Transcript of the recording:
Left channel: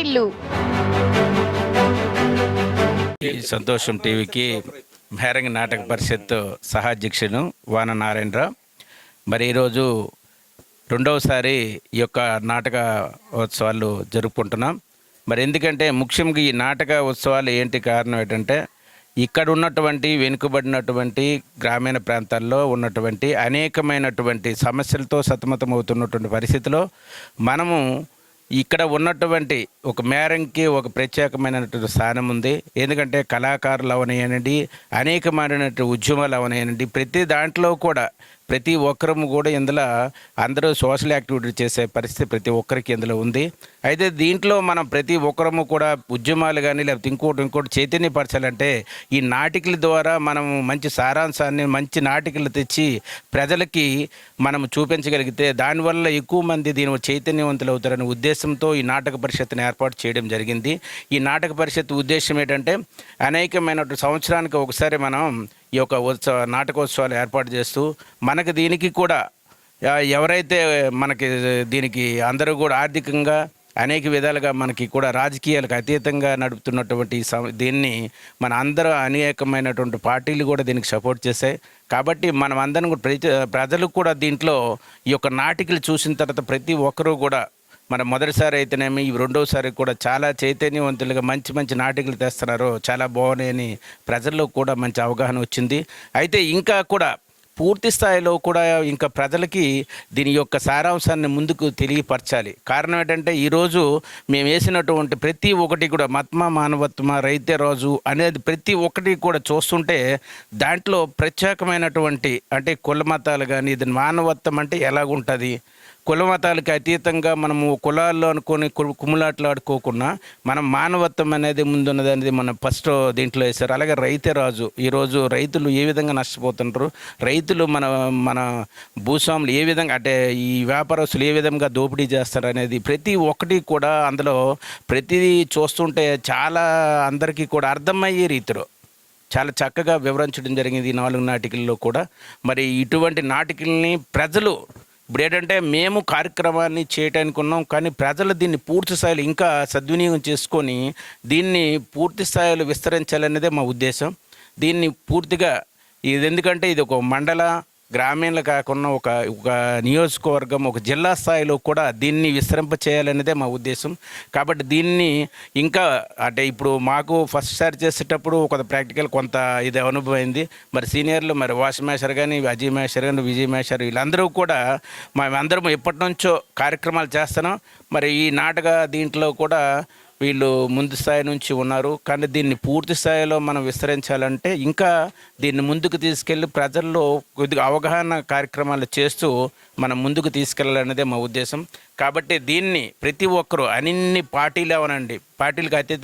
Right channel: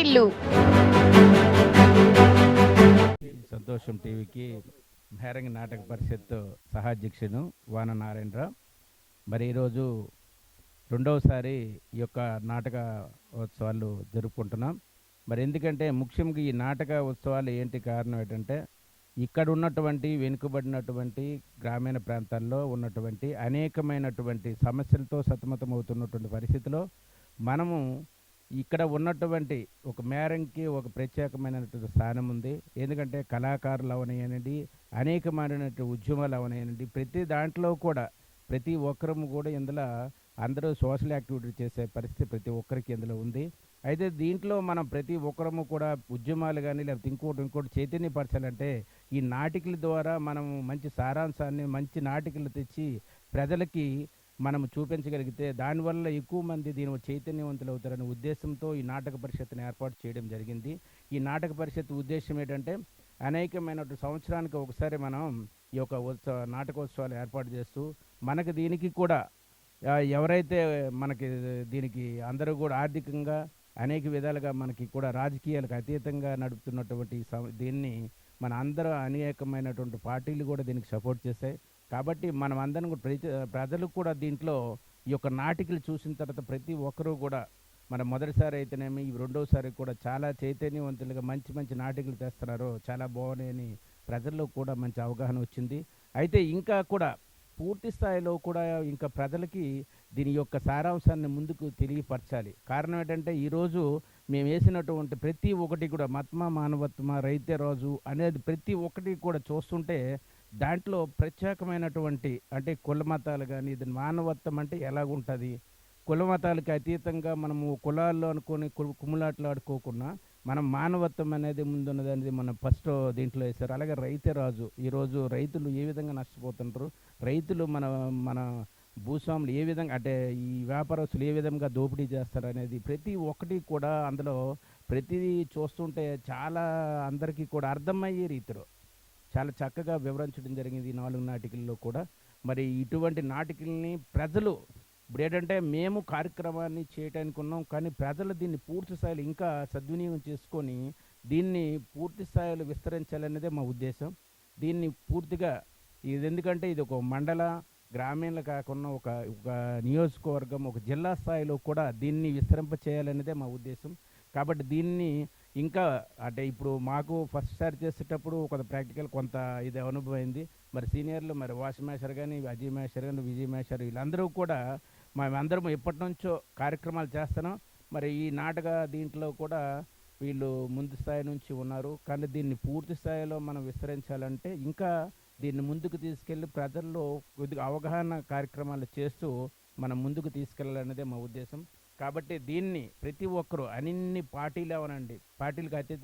వాటిల్లు. ఈ సంతోషం టీవీకి మేరంగి నాటక పరిషత్ సహాధ్యక్షుడు వాన నారాయణరావు. మరి ఈరోజు రెండవసారి ఈ యొక్క నాటక ఉత్సవాలు జరుపుకుంటున్నాం. మరి ఎందుకంటే ముఖ్యంగా ఈ నాటక ఉత్సవాలు ఏంటి కారణం ఏంటంటే ఇక్కడ ఉన్నటువంటి వెనుకబడినటువంటి గ్రామీణ ప్రాంతాల్లో ఉన్నటువంటి అనేకమైనటువంటి సమస్యలతో సతమతమవుతున్నటువంటి పరిస్థితిలో మనము ఇక్కడ ఉన్నటువంటి ఒక మేరంకి ఒక ప్రత్యేకమైనటువంటి స్థానం ఉంది. ఎందుకంటే కళాకారులు అవనయ్యానండి, అనేకమైనటువంటి ఉద్యమాలు అవనయ్యానండి, ప్రతి దాంట్లో కూడా ప్రతి ఒక్కరము కూడా ఇందులో అందరూ సోషల్ యాక్టివిటీ చేసే పరిస్థితి ప్రతి ఒక్కరికి ఇందులో ఉంది. అయితే దీంట్లో మనం ప్రతి ఒక్కరము కూడా ఉద్యమాలు కానీ లేకపోతే ఇంకోటి చైతన్యపరచాలంటే ఈ నాటికల ద్వారా మనం మంచి సారాంశాన్ని మంచి నాటికలు తెచ్చి ప్రజలకి మనం చూపించగలిగితే దానివల్ల ఎక్కువ మంది దీని చైతన్యవంతులు అవుతారనే ఉద్దేశంతో ఈ నాటక పరిషత్తుని ఏర్పాటు చేయడం జరిగింది. ఈ నాటక పరిషత్ ఉద్దేశం ఏంటంటే అనేకమైన సంవత్సరానికి ఒకసారి మనం ఈ యొక్క నాటకోత్సవాలు ఏర్పాటు చేస్తూ మనకు దీనికి కూడా ఎవరైతే మనకి దీనికి అందరూ కూడా ఆర్థికంగా అనేక విధాలుగా మనకి కూడా రాజకీయాలకు అతీతంగా నడుపుతున్నటువంటి దీన్ని మన అందరూ అనేకమైనటువంటి పార్టీలు కూడా దీనికి సపోర్ట్ చేశాయి. కాబట్టి మనం అందరం కూడా ప్రజలు కూడా దీంట్లో ఈ యొక్క నాటికలు చూసిన తర్వాత ప్రతి ఒక్కరూ కూడా మన మొదటిసారి అయితేనేమి ఈ రెండోసారి కూడా చాలా చైతన్యవంతులుగా మంచి మంచి నాటికలు తెస్తున్నారు, చాలా బాగున్నాయని ప్రజల్లో కూడా మంచి అవగాహన వచ్చింది. అయితే ఇంకా కూడా పూర్తి స్థాయిలో కూడా ఇంకా ప్రజలకి దీని యొక్క సారాంశాన్ని ముందుకు తెలియపరచాలి. కారణం ఏంటంటే ఈరోజు మేము వేసినటువంటి ప్రతి ఒక్కటి కూడా మత్మ మానవత్మ రైతే రోజు అనేది ప్రతి ఒక్కటి కూడా చూస్తుంటే దాంట్లో ప్రత్యేకమైనటువంటి అంటే కుల మతాలు కానీ ఇది మానవత్వం అంటే ఎలాగుంటుంది, కుల మతాలకు అతీతంగా మనము కులాల్లో అనుకొని కుమ్ములాట్లాడుకోకుండా మనం మానవత్వం అనేది ముందున్నది అనేది మనం ఫస్ట్ దీంట్లో వేశారు. అలాగే రైతే రాజు, ఈరోజు రైతులు ఏ విధంగా నష్టపోతుంటారు, రైతులు మన భూస్వాములు ఏ విధంగా అంటే ఈ వ్యాపారస్తులు ఏ విధంగా దోపిడీ చేస్తారు అనేది ప్రతి ఒక్కటి కూడా అందులో ప్రతిదీ చూస్తుంటే చాలా అందరికీ కూడా అర్థమయ్యే రీతిలో చాలా చక్కగా వివరించడం జరిగింది ఈ 4 నాటికల్లో కూడా. మరి ఇటువంటి నాటికల్ని ప్రజలు ఇప్పుడు ఏంటంటే మేము కార్యక్రమాన్ని చేయటానికి ఉన్నాం, కానీ ప్రజలు దీన్ని పూర్తి స్థాయిలో ఇంకా సద్వినియోగం చేసుకొని దీన్ని పూర్తి స్థాయిలో విస్తరించాలనేదే మా ఉద్దేశం. దీన్ని పూర్తిగా ఇది ఎందుకంటే ఇది ఒక మండల గ్రామీణలు కాకుండా ఒక నియోజకవర్గం ఒక జిల్లా స్థాయిలో కూడా దీన్ని విస్తరింప చేయాలనేదే మా ఉద్దేశం. కాబట్టి దీన్ని ఇంకా అంటే ఇప్పుడు మాకు ఫస్ట్ సారి చేసేటప్పుడు ఒక ప్రాక్టికల్ కొంత ఇది అనుభవం అయింది. మరి సీనియర్లు మరి వాష్ మేషర్ కానీ అజయ్ మేషర్ కానీ విజయ్ మేషర్ వీళ్ళందరూ కూడా మేమందరం ఎప్పటి నుంచో కార్యక్రమాలు చేస్తున్నాం. మరి ఈ నాటక దీంట్లో కూడా వీళ్ళు ముందు స్థాయి నుంచి ఉన్నారు, కానీ దీన్ని పూర్తి స్థాయిలో మనం విస్తరించాలంటే ఇంకా దీన్ని ముందుకు తీసుకెళ్ళి ప్రజల్లో కొద్దిగా అవగాహన కార్యక్రమాలు చేస్తూ మనం ముందుకు తీసుకెళ్ళాలనేదే మా ఉద్దేశం. కాబట్టి దీన్ని ప్రతి ఒక్కరూ అన్ని పార్టీలు అవనండి, పార్టీలకు అతీతంగా